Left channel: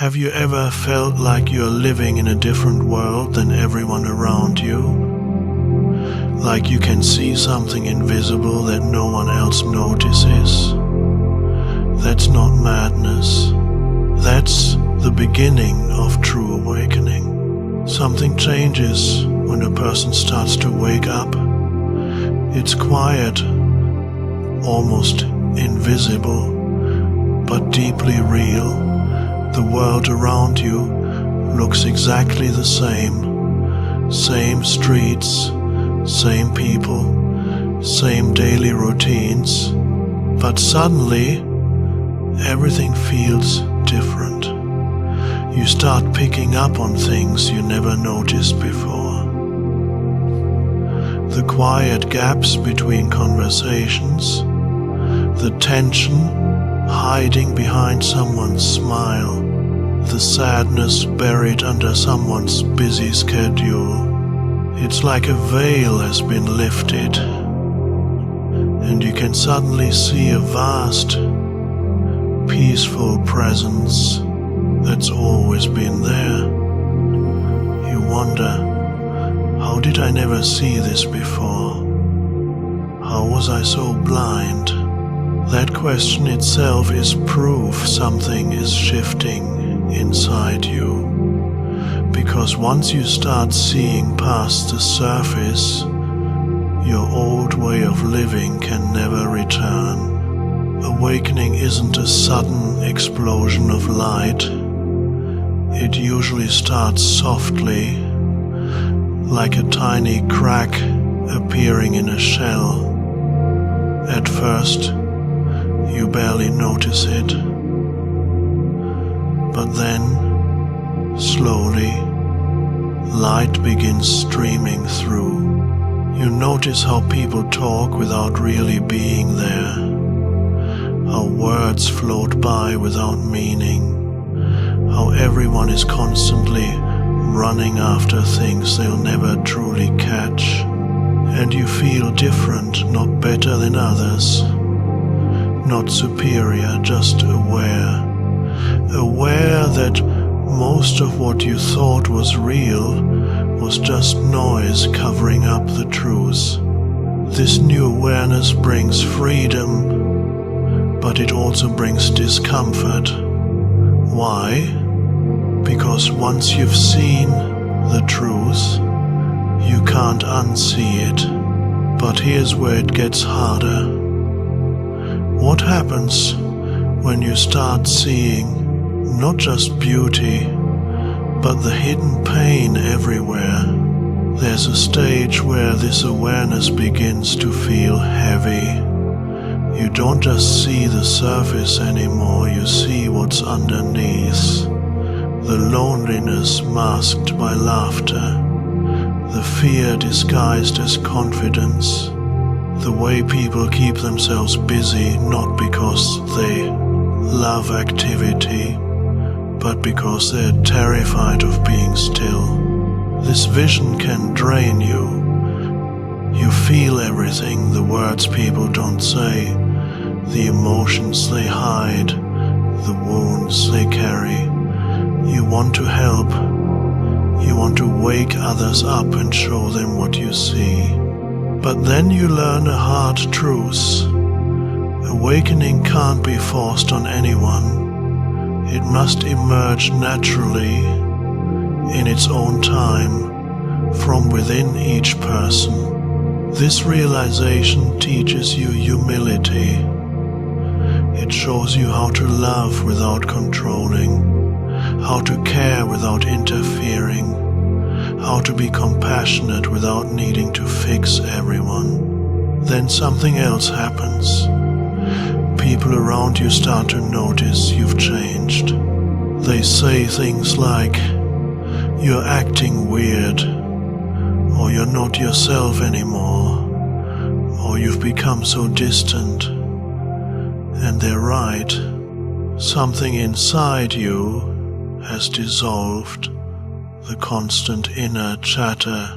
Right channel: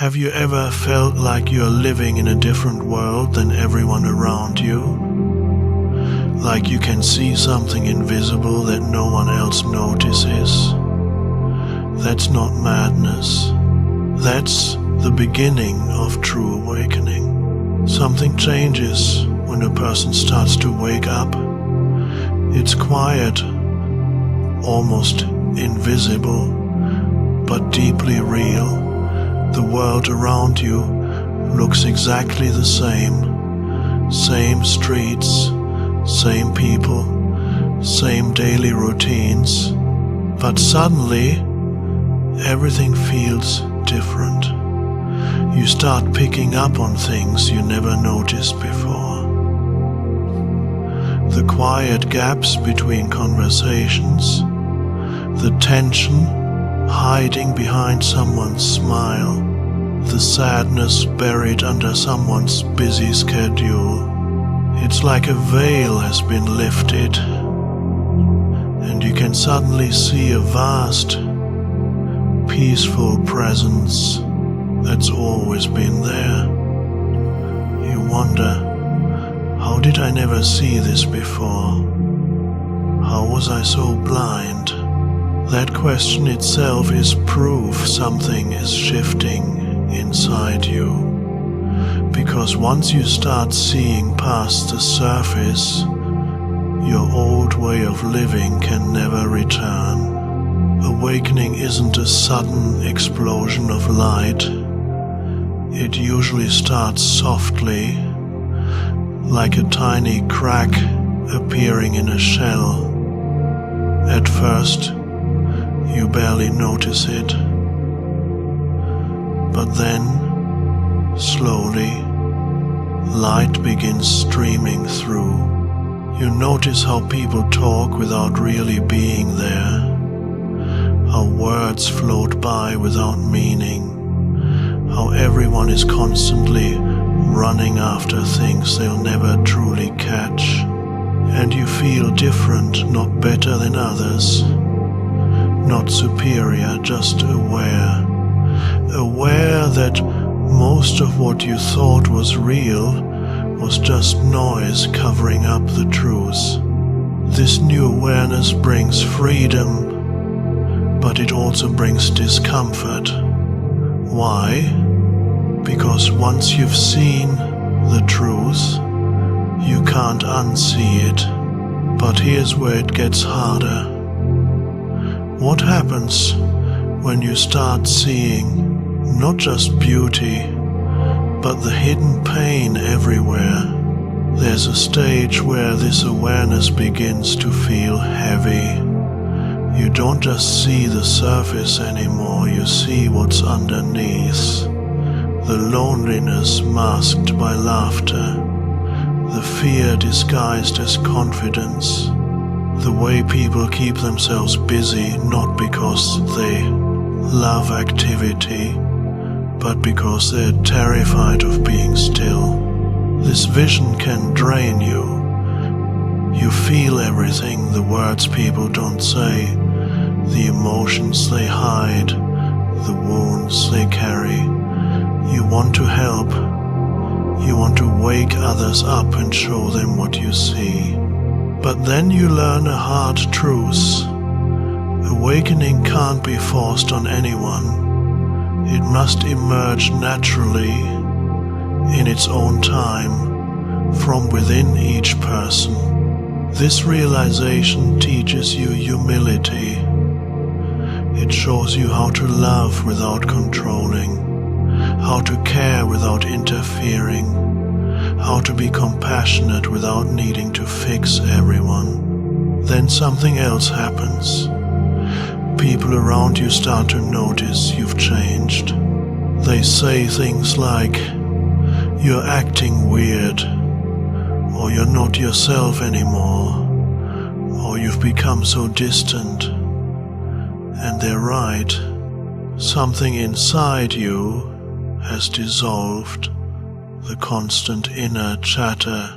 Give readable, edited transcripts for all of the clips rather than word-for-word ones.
Have you ever felt like you're living in a different world than everyone around you? Like you can see something invisible that no one else notices? That's not madness. That's the beginning of true awakening. Something changes when a person starts to wake up. It's quiet, almost invisible, but deeply real. The world around you looks exactly the same. Same streets, same people, same daily routines. But suddenly, everything feels different. You start picking up on things you never noticed before. The quiet gaps between conversations, the tension hiding behind someone's smile, the sadness buried under someone's busy schedule. It's like a veil has been lifted, and you can suddenly see a vast, peaceful presence that's always been there. You wonder, how did I never see this before? How was I so blind? That question itself is proof something is shifting inside you. Because once you start seeing past the surface, your old way of living can never return. Awakening isn't a sudden explosion of light. It usually starts softly, like a tiny crack appearing in a shell. At first, you barely notice it. But then, slowly, light begins streaming through. You notice how people talk without really being there. How words float by without meaning. How everyone is constantly running after things they'll never truly catch. And you feel different, not better than others. Not superior, just aware. Aware that most of what you thought was real was just noise covering up the truth. This new awareness brings freedom, but it also brings discomfort. Why? Because once you've seen the truth, you can't unsee it. But here's where it gets harder. What happens when you start seeing not just beauty, but the hidden pain everywhere? There's a stage where this awareness begins to feel heavy. You don't just see the surface anymore, you see what's underneath. The loneliness masked by laughter, the fear disguised as confidence, the way people keep themselves busy not because they love activity, but because they're terrified of being still. This vision can drain you. You feel everything, the words people don't say, the emotions they hide, the wounds they carry. You want to help. You want to wake others up and show them what you see. But then you learn a hard truth. Awakening can't be forced on anyone. It must emerge naturally, in its own time, from within each person. This realization teaches you humility. It shows you how to love without controlling, how to care without interfering, how to be compassionate without needing to fix everyone. Then something else happens. People around you start to notice you've changed. They say things like, "You're acting weird," or "You're not yourself anymore," or "You've become so distant." And they're right. Something inside you has dissolved. The constant inner chatter,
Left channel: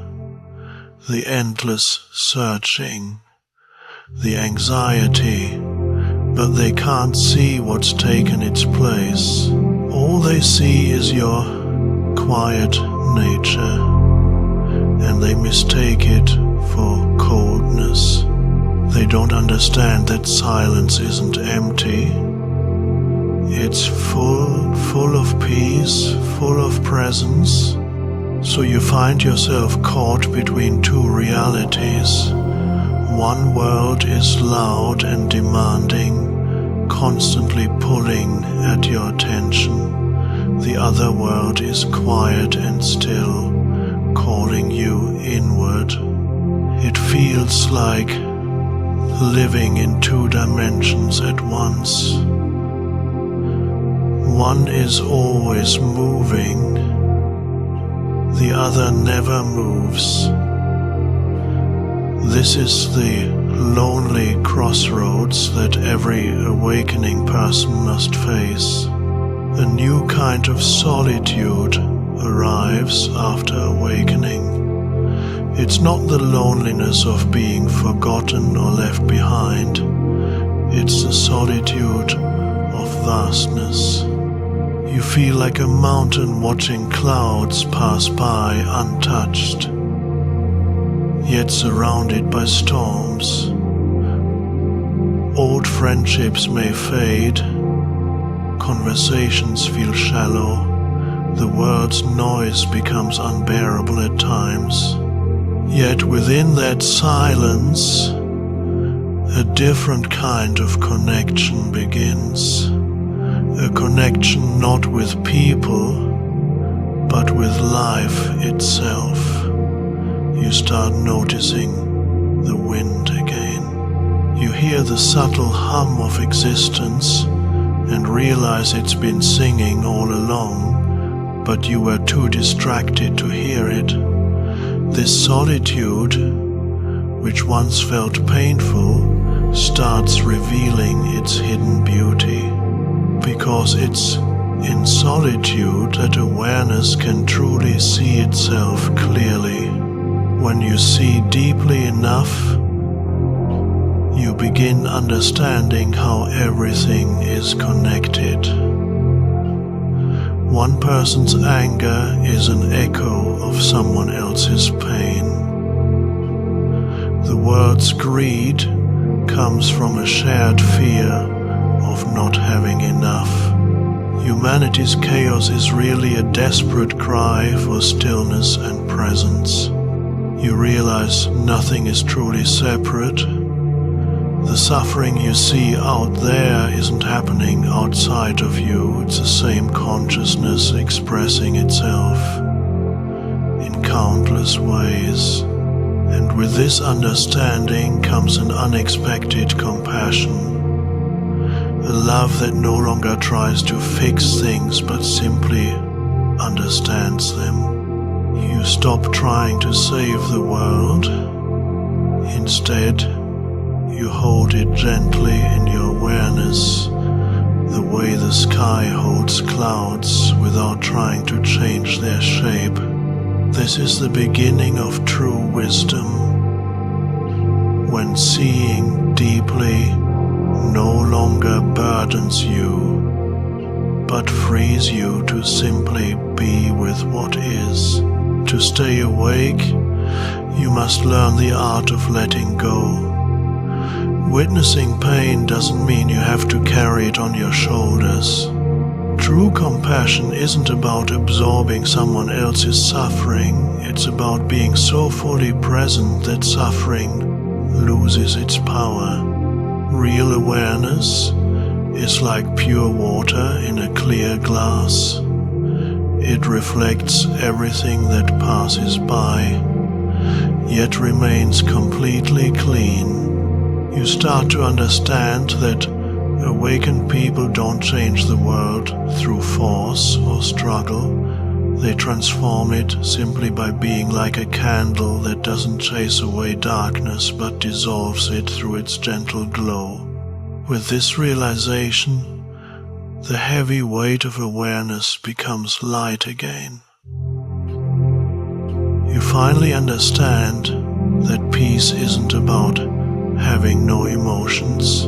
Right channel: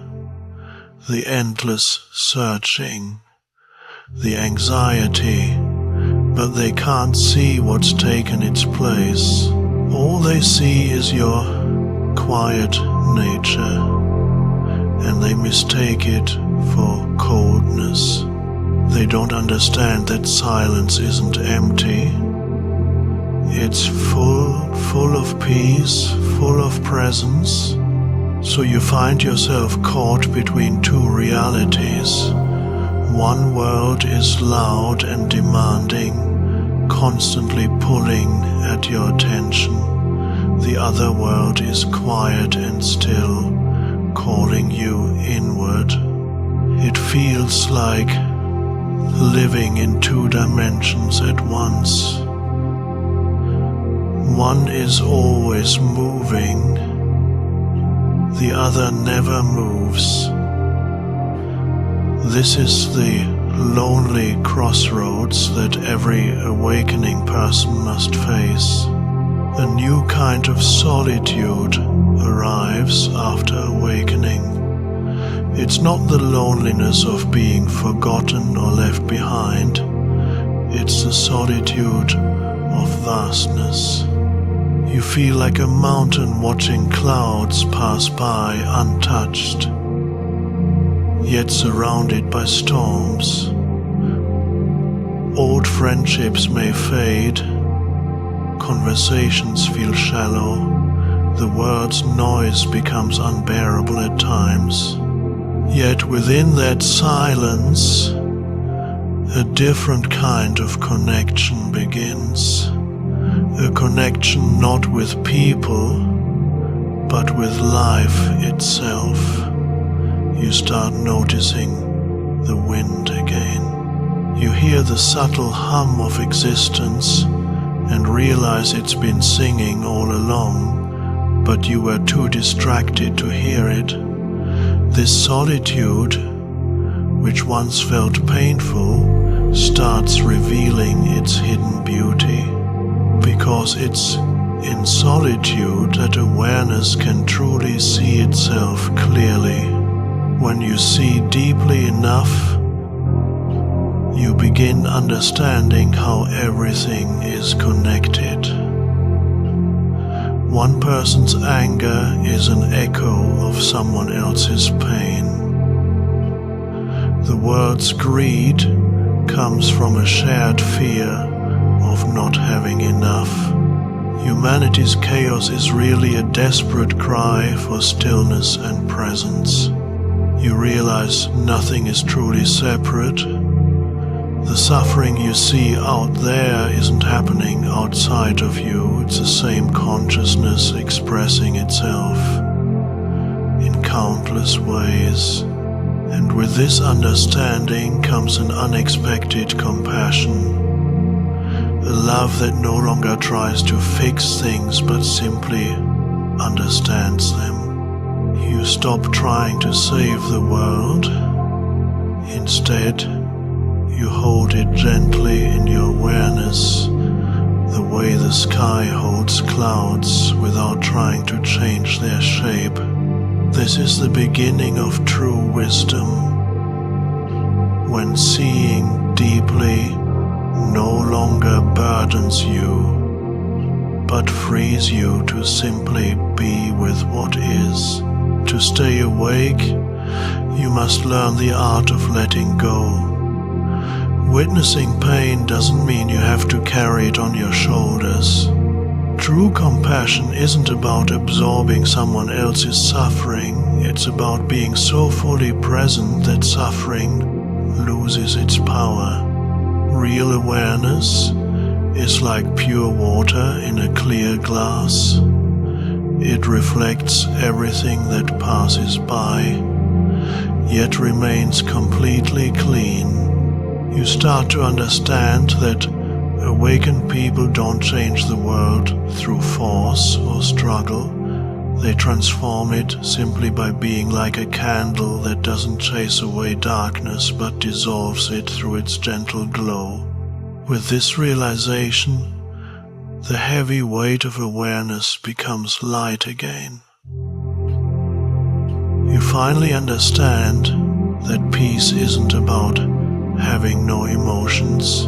the endless searching, the anxiety, but they can't see what's taken its place. All they see is your quiet nature, and they mistake it for coldness. They don't understand that silence isn't empty. It's full of peace, full of presence. So you find yourself caught between two realities. One world is loud and demanding, constantly pulling at your attention. The other world is quiet and still, calling you inward. It feels like living in two dimensions at once. One is always moving, the other never moves. This is the lonely crossroads that every awakening person must face. A new kind of solitude arrives after awakening. It's not the loneliness of being forgotten or left behind. It's the solitude of vastness. You feel like a mountain watching clouds pass by untouched, yet surrounded by storms. Old friendships may fade, conversations feel shallow, the world's noise becomes unbearable at times. Yet within that silence, a different kind of connection begins. A connection not with people, but with life itself. You start noticing the wind again. You hear the subtle hum of existence and realize it's been singing all along, but you were too distracted to hear it. This solitude, which once felt painful, starts revealing its hidden beauty. Because it's in solitude that awareness can truly see itself clearly. When you see deeply enough, you begin understanding how everything is connected. One person's anger is an echo of someone else's pain. The world's greed comes from a shared fear of not having enough. Humanity's chaos is really a desperate cry for stillness and presence. You realize nothing is truly separate. The suffering you see out there isn't happening outside of you. It's the same consciousness expressing itself in countless ways. And with this understanding comes an unexpected compassion. A love that no longer tries to fix things but simply understands them. You stop trying to save the world. Instead, you hold it gently in your awareness, the way the sky holds clouds without trying to change their shape. This is the beginning of true wisdom, when seeing deeply no longer burdens you, but frees you to simply be with what is. To stay awake, you must learn the art of letting go. Witnessing pain doesn't mean you have to carry it on your shoulders. True compassion isn't about absorbing someone else's suffering, it's about being so fully present that suffering loses its power. Real awareness is like pure water in a clear glass. It reflects everything that passes by, yet remains completely clean. You start to understand that awakened people don't change the world through force or struggle. They transform it simply by being like a candle that doesn't chase away darkness but dissolves it through its gentle glow. With this realization, the heavy weight of awareness becomes light again. You finally understand that peace isn't about having no emotions.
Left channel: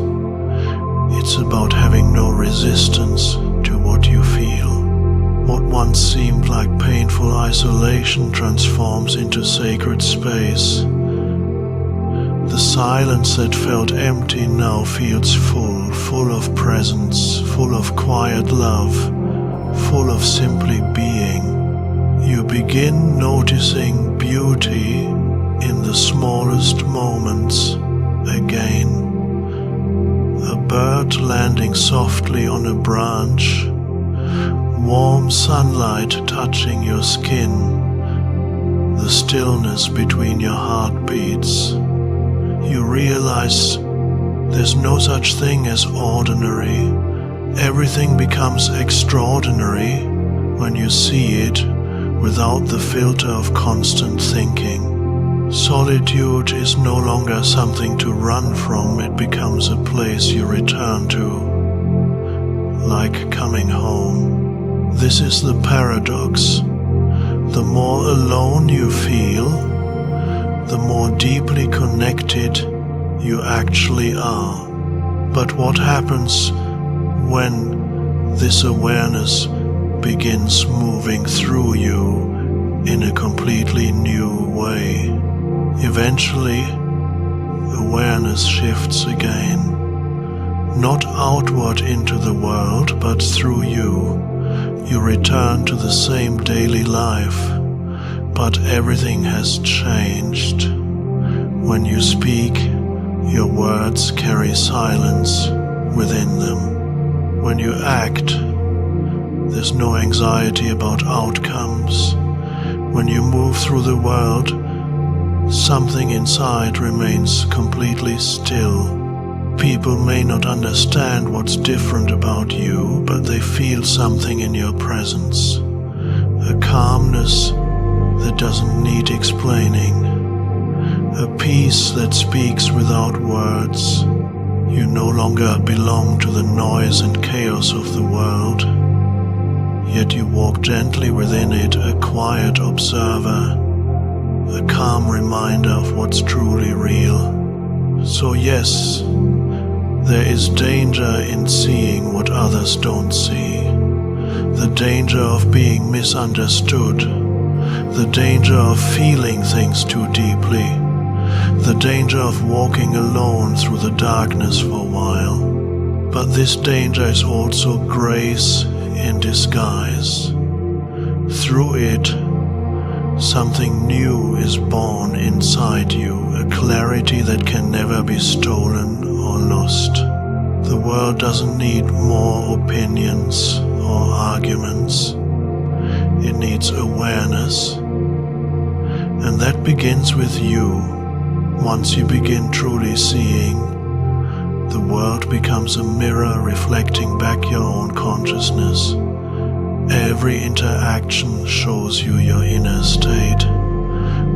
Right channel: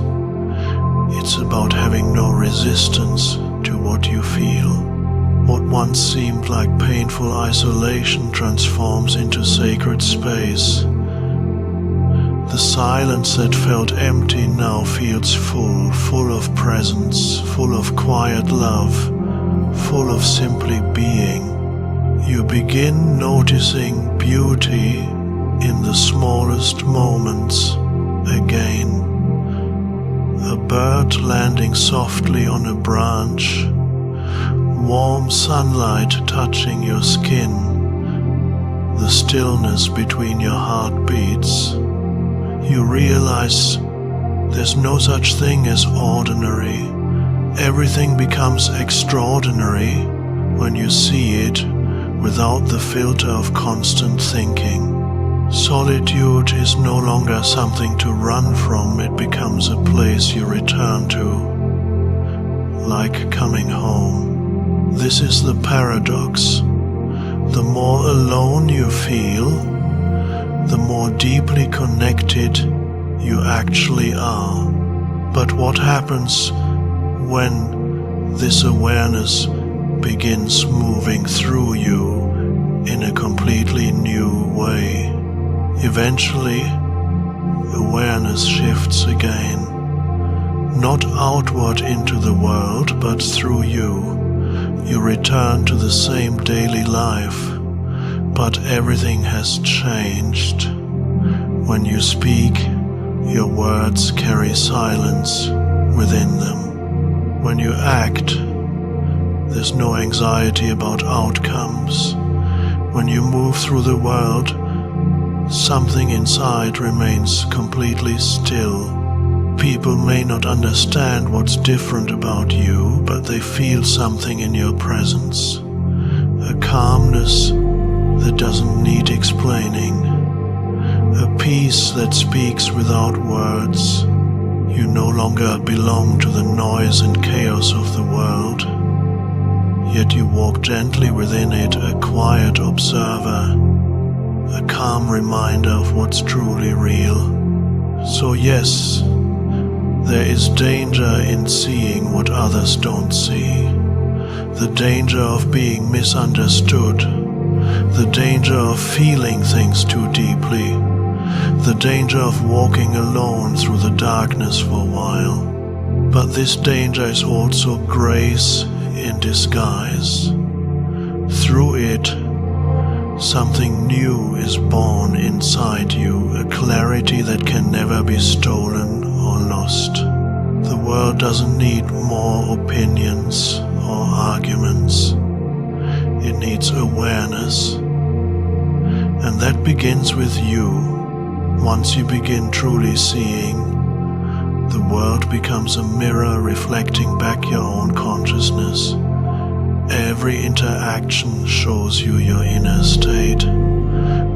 It's about having no resistance to what you feel. What once seemed like painful isolation transforms into sacred space. The silence that felt empty now feels full of presence, full of quiet love, full of simply being. You begin noticing beauty in the smallest moments again. A bird landing softly on a branch, warm sunlight touching your skin, the stillness between your heartbeats. You realize there's no such thing as ordinary. Everything becomes extraordinary when you see it without the filter of constant thinking. Solitude is no longer something to run from, it becomes a place you return to, like coming home. This is the paradox. The more alone you feel, the more deeply connected you actually are. But what happens when this awareness begins moving through you in a completely new way? Eventually, awareness shifts again, not outward into the world, but through you. You return to the same daily life, but everything has changed. When you speak, your words carry silence within them. When you act, there's no anxiety about outcomes. When you move through the world, something inside remains completely still. People may not understand what's different about you, but they feel something in your presence. A calmness that doesn't need explaining. A peace that speaks without words. You no longer belong to the noise and chaos of the world, yet you walk gently within it, a quiet observer, a calm reminder of what's truly real. So yes, there is danger in seeing what others don't see. The danger of being misunderstood. The danger of feeling things too deeply. The danger of walking alone through the darkness for a while. But this danger is also grace in disguise. Through it, something new is born inside you, a clarity that can never be stolen or lost. The world doesn't need more opinions or arguments. It needs awareness. And that begins with you. Once you begin truly seeing, the world becomes a mirror reflecting back your own consciousness. Every interaction shows you your inner state.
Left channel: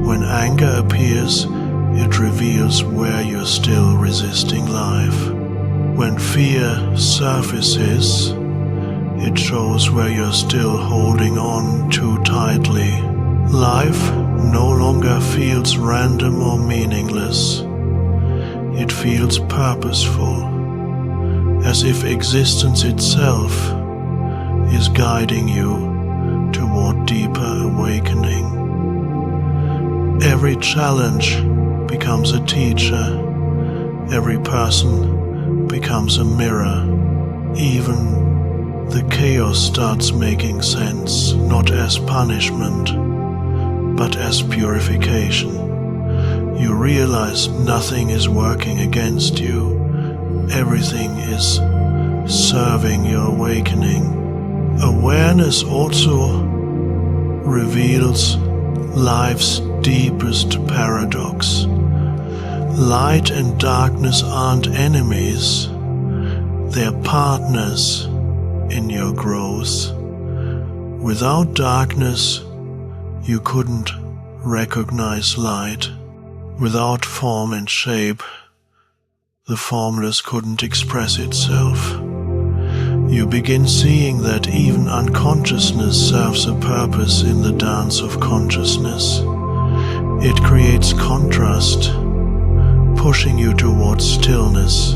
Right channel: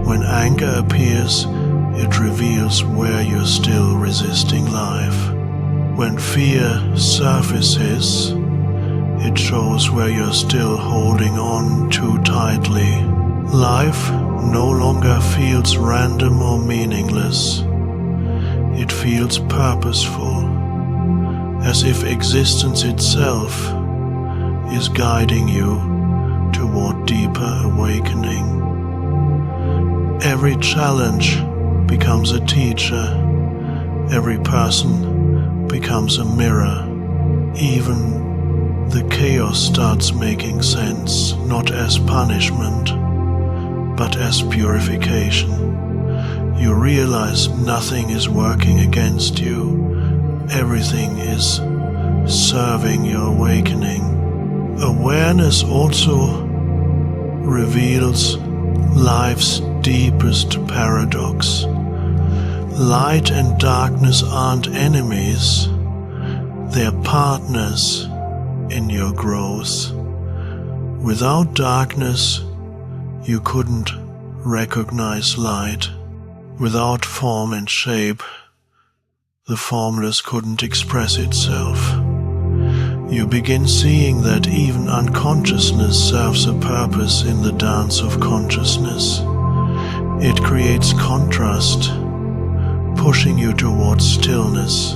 When anger appears, it reveals where you're still resisting life. When fear surfaces, it shows where you're still holding on too tightly. Life no longer feels random or meaningless. It feels purposeful, as if existence itself is guiding you toward deeper awakening. Every challenge becomes a teacher. Every person becomes a mirror. Even the chaos starts making sense, not as punishment, but as purification. You realize nothing is working against you. Everything is serving your awakening. Awareness also reveals life's deepest paradox. Light and darkness aren't enemies. They're partners in your growth. Without darkness, you couldn't recognize light. Without form and shape, the formless couldn't express itself. You begin seeing that even unconsciousness serves a purpose in the dance of consciousness. It creates contrast, pushing you towards stillness.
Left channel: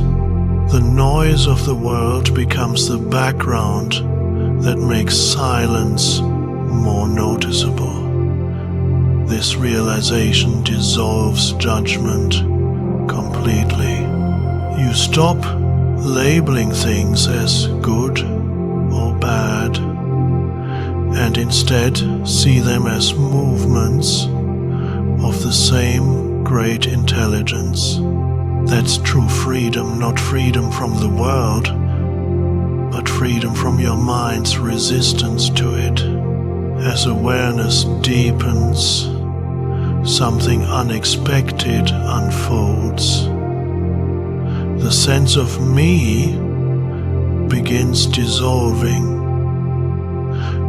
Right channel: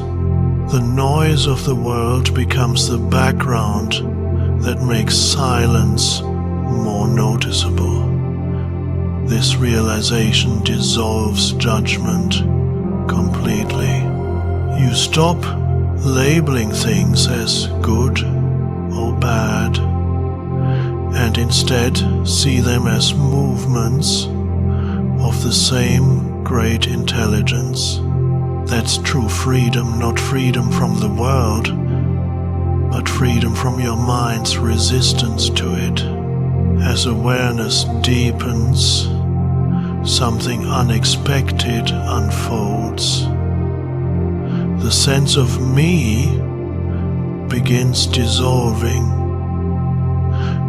The noise of the world becomes the background that makes silence more noticeable. This realization dissolves judgment completely. You stop labeling things as good or bad, and instead see them as movements of the same great intelligence. That's true freedom, not freedom from the world, but freedom from your mind's resistance to it. As awareness deepens, something unexpected unfolds. The sense of me begins dissolving,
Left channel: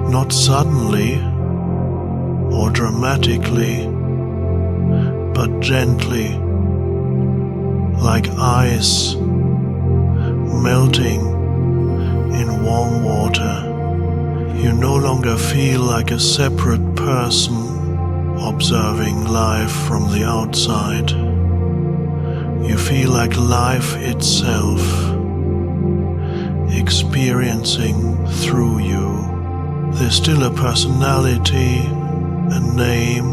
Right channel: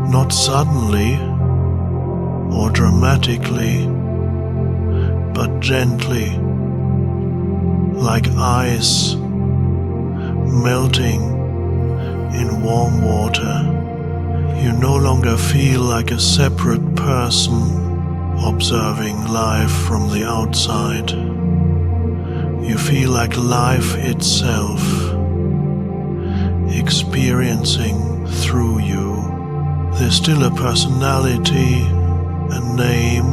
not suddenly or dramatically, but gently, like ice melting in warm water. You no longer feel like a separate person observing life from the outside. You feel like life itself, experiencing through you. There's still a personality, a name,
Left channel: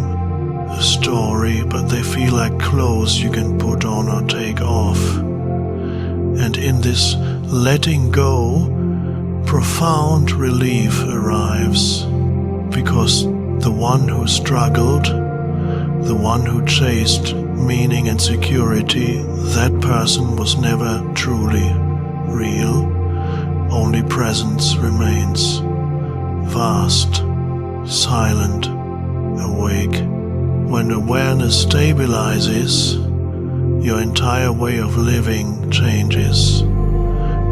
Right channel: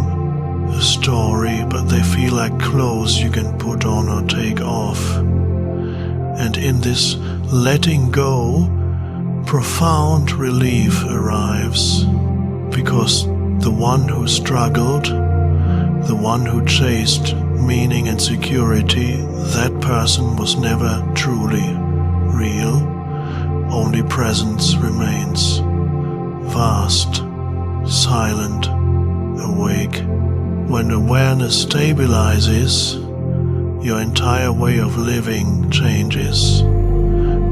a story, but they feel like clothes you can put on or take off. And in this letting go, profound relief arrives, because the one who struggled, the one who chased meaning and security, that person was never truly real. Only presence remains, vast, silent, awake. When awareness stabilizes, your entire way of living changes.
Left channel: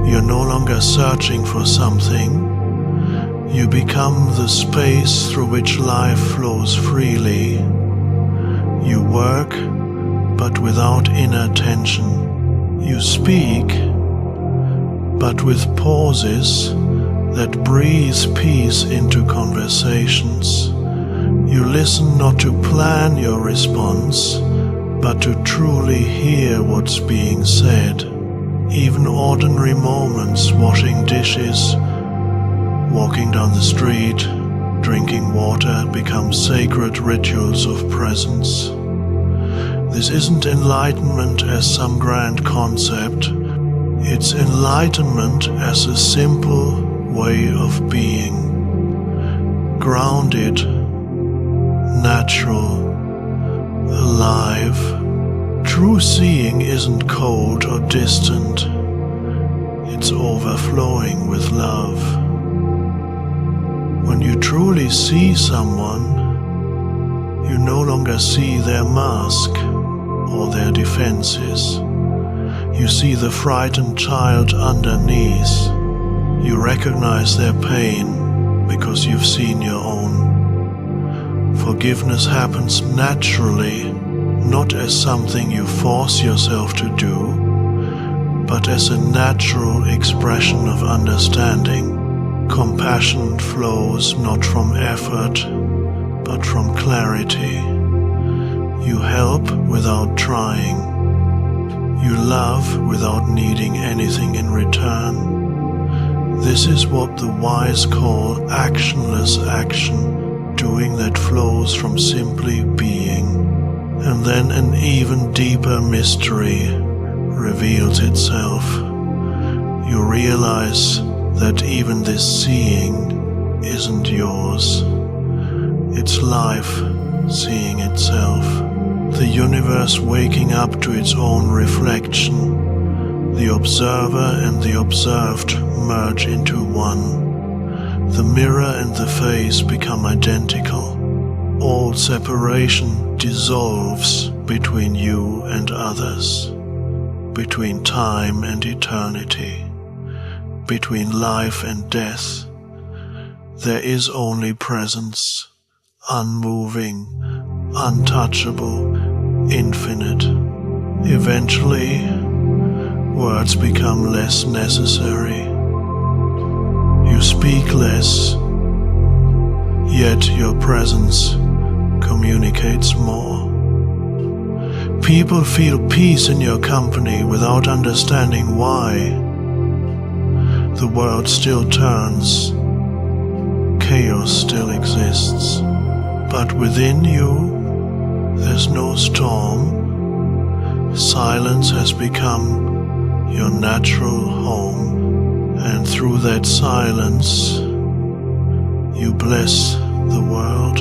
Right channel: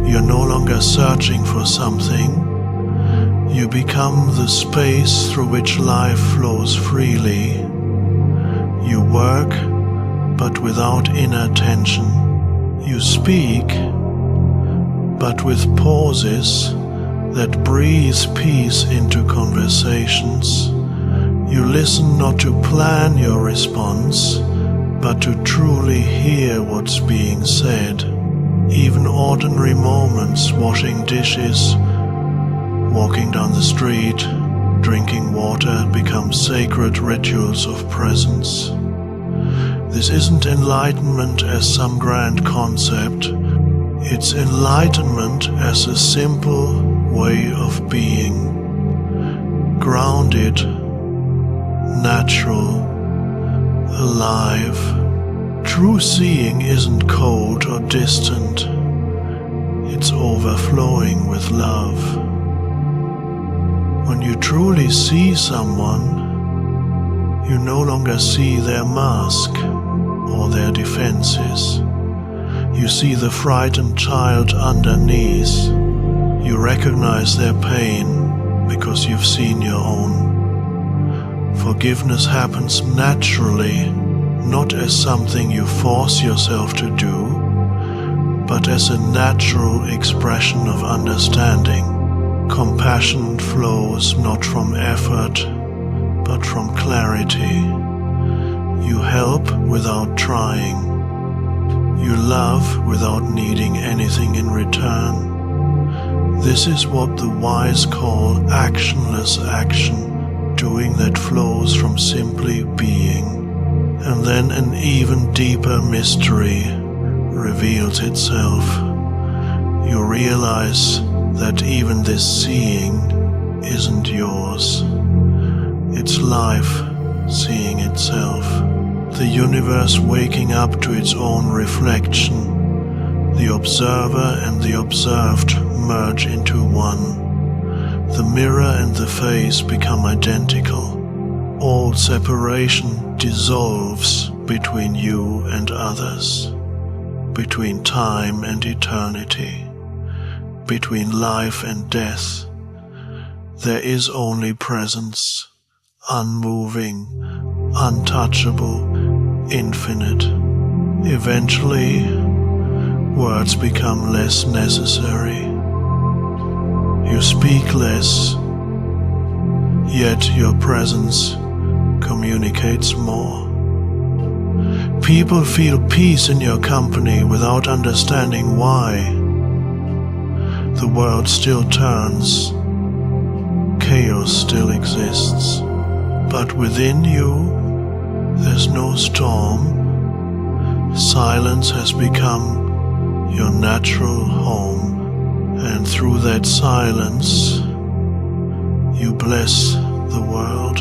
You're no longer searching for something. You become the space through which life flows freely. You work, but without inner tension. You speak, but with pauses that breathe peace into conversations. You listen not to plan your response, but to truly hear what's being said. Even ordinary moments, washing dishes, walking down the street, drinking water, become sacred rituals of presence. This isn't enlightenment as some grand concept. It's enlightenment as a simple way of being. Grounded, natural, alive. True seeing isn't cold or distant. It's overflowing with love. When you truly see someone, you no longer see their mask or their defenses. You see the frightened child underneath. You recognize their pain because you've seen your own. Forgiveness happens naturally, not as something you force yourself to do, but as a natural expression of understanding. Compassion flows not from effort, but from clarity. You help without trying. You love without needing anything in return. This is what the wise call actionless action, doing that flows from simply being. And then an even deeper mystery reveals itself. You realize that even this seeing isn't yours. It's life seeing itself. The universe waking up to its own reflection. The observer and the observed merge into one. The mirror and the face become identical. All separation dissolves between you and others, between time and eternity, between life and death. There is only presence, unmoving, untouchable, infinite. Eventually, words become less necessary. You speak less, yet your presence communicates more. People feel peace in your company without understanding why. The world still turns, chaos still exists. But within you, there's no storm. Silence has become your natural home, and through that silence, you bless the world.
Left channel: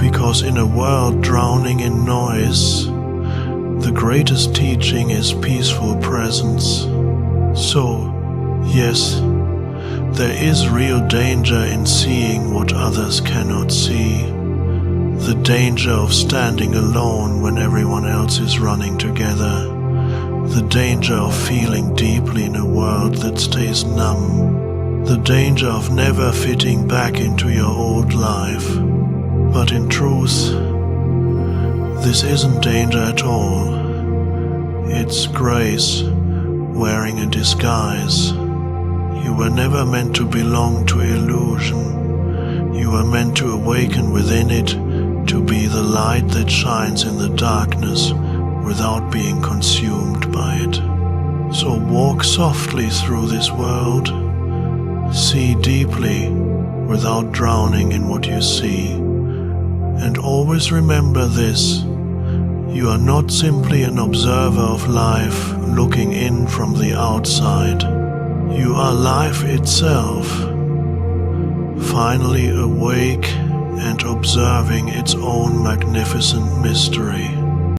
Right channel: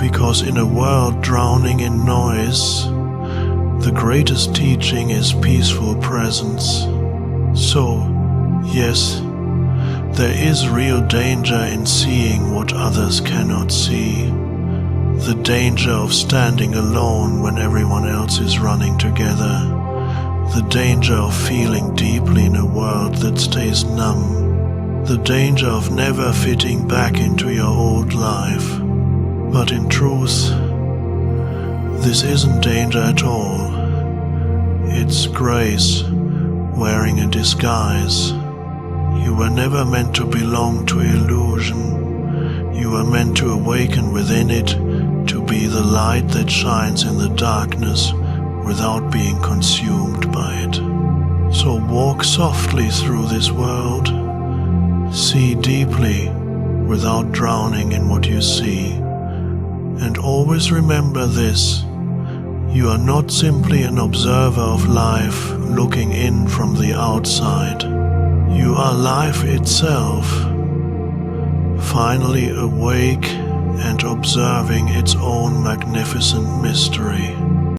Because in a world drowning in noise, the greatest teaching is peaceful presence. So, yes, there is real danger in seeing what others cannot see. The danger of standing alone when everyone else is running together. The danger of feeling deeply in a world that stays numb. The danger of never fitting back into your old life. But in truth, this isn't danger at all. It's grace wearing a disguise. You were never meant to belong to illusion. You were meant to awaken within it, to be the light that shines in the darkness without being consumed by it. So walk softly through this world. See deeply without drowning in what you see. And always remember this: you are not simply an observer of life looking in from the outside. You are life itself, finally awake and observing its own magnificent mystery.